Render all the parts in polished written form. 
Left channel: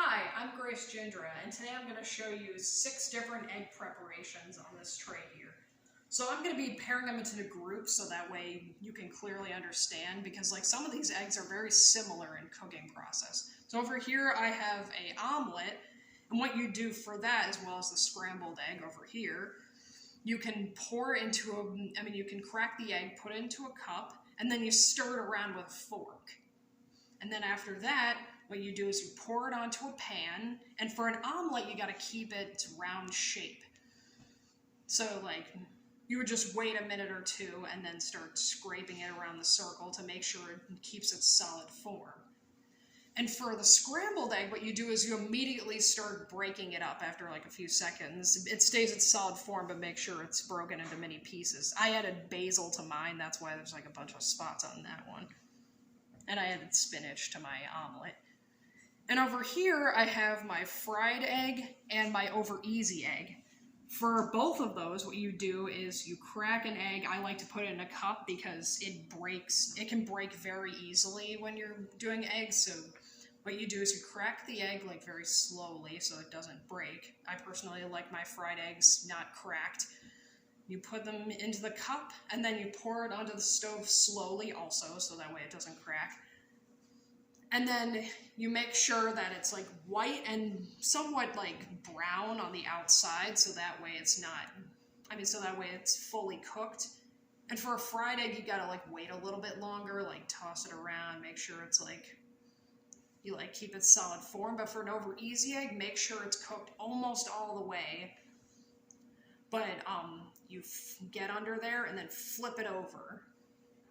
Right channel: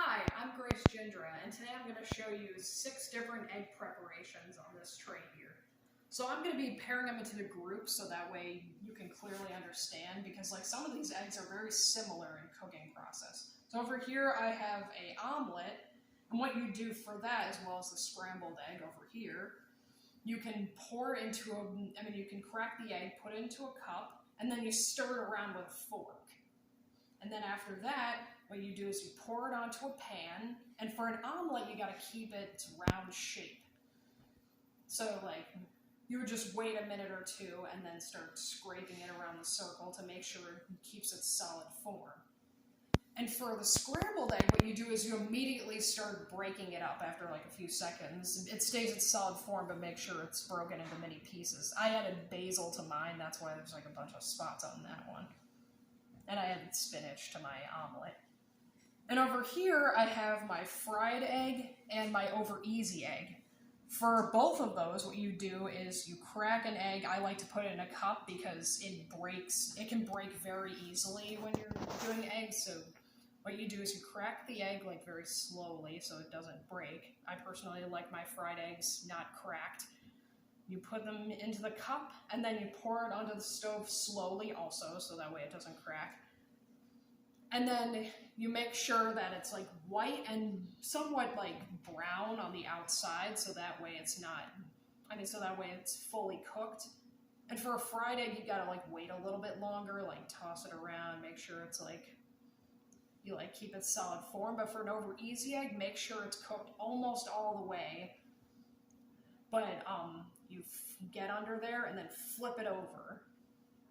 Hi, I'm Grace Gindra, and today I'm going to show you 6 different egg preparations on this tray here. So I'm going to be pairing them into the groups so that way you can clearly understand, because some of these eggs are very similar in cooking process. So over here I have an omelet, and what you do for that, as well as the scrambled egg over here, you can pour into you can crack the egg, put it into a cup, and then you stir it around with a fork. And then after that, what you do is you pour it onto a pan, and for an omelet, you gotta keep it round shape. So you would just wait a minute or two and then start scraping it around the circle to make sure it keeps its solid form. And for the scrambled egg, what you do is you immediately start breaking it up after a few seconds. It stays its solid form, but make sure it's broken into many pieces. I added basil to mine, that's why there's a bunch of spots on that one. And I added spinach to my omelet. And over here, I have my fried egg and my over easy egg. For both of those, what you do is you crack an egg. I like to put it in a cup because it can break very easily when you're doing eggs. So what you do is you crack the egg very slowly so it doesn't break. I personally like my fried eggs not cracked. You put them into the cup, and then you pour it onto the stove slowly also, so that way it doesn't crack. And then you make sure that it's white and somewhat brown on the outside, so that way it's not, so that way it's fully cooked. And for a fried egg, you gotta wait a little bit longer, toss it around, make sure it's you keep its solid form. But for an over easy egg, make sure it's cooked almost all the way. But you get under there and then flip it over,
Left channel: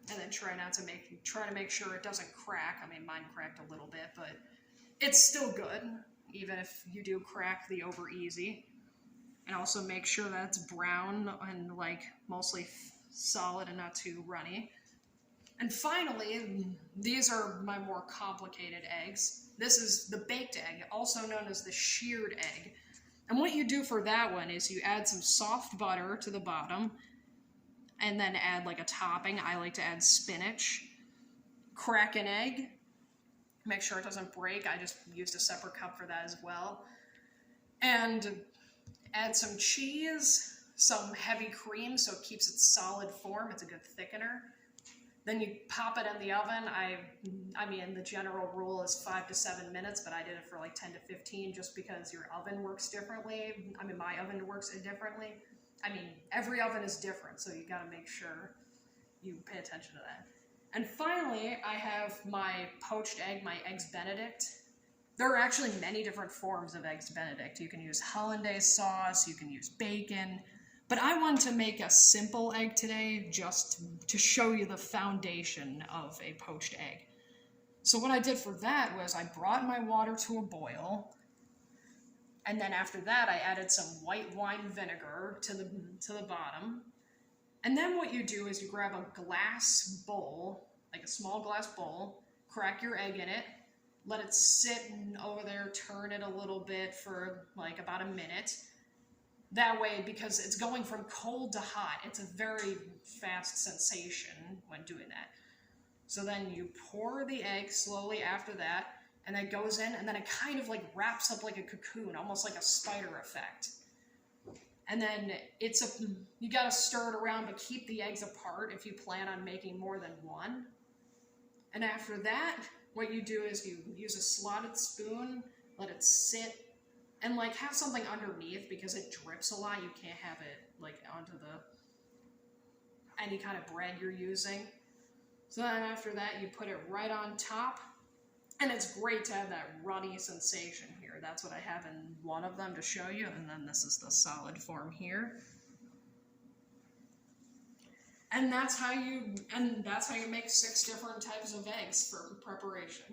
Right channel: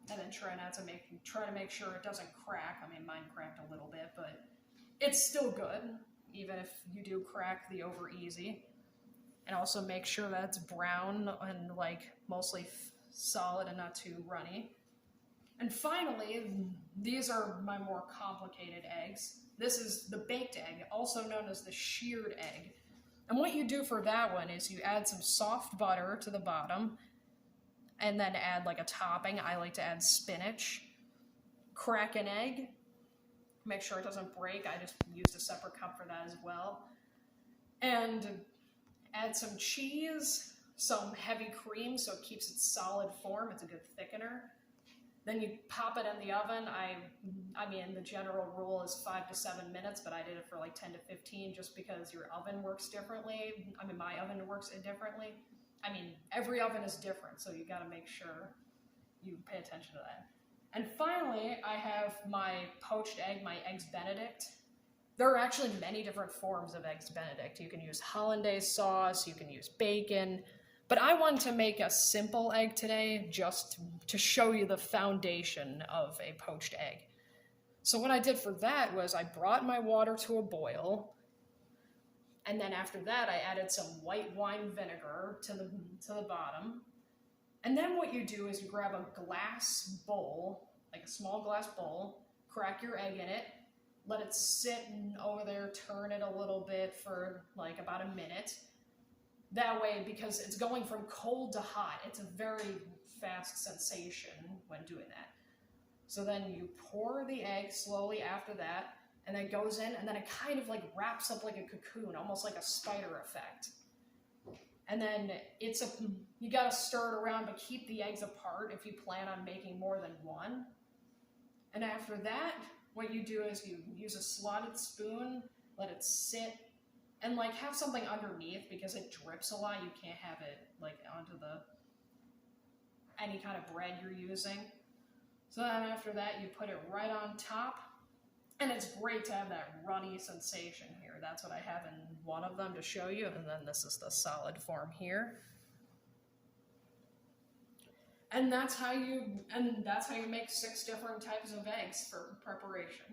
and then try to make sure it doesn't crack. Mine cracked a little bit, but it's still good, even if you do crack the over easy. And also make sure that it's brown and mostly solid and not too runny. And finally, these are my more complicated eggs. This is the baked egg, also known as the shirred egg. And what you do for that one is you add some soft butter to the bottom, and then add a topping. I like to add spinach. Crack an egg. Make sure it doesn't break. I just used a separate cup for that as well. And add some cheese, some heavy cream so it keeps its solid form. It's a good thickener. Then you pop it in the oven. The general rule is 5 to 7 minutes, but I did it for 10 to 15 just because your oven works differently. My oven works differently. Every oven is different, so you gotta make sure you pay attention to that. And finally, I have my poached egg, my Eggs Benedict. There are actually many different forms of Eggs Benedict. You can use hollandaise sauce, you can use bacon, but I wanted to make a simple egg today just to show you the foundation of a poached egg. So what I did for that was I brought my water to a boil, and then after that I added some white wine vinegar to the bottom. And then what you do is you grab a glass bowl, a small glass bowl, crack your egg in it, let it sit over there, turn it a little bit for about a minute. That way, because it's going from cold to hot, it's a very fast sensation when doing that. So then you pour the egg slowly after that, and then it goes in, and then it kind of wraps up like a cocoon, almost like a spider effect. And then you gotta stir it around, but keep the eggs apart if you plan on making more than one. And after that, what you do is you use a slotted spoon, let it sit, and have something underneath because it drips a lot. You can't have it onto any kind of bread you're using. So then after that, you put it right on top, and it's great to have that runny sensation here. That's what I have in one of them to show you, and then this is the solid form here. And that's how you make 6 different types of eggs for preparation.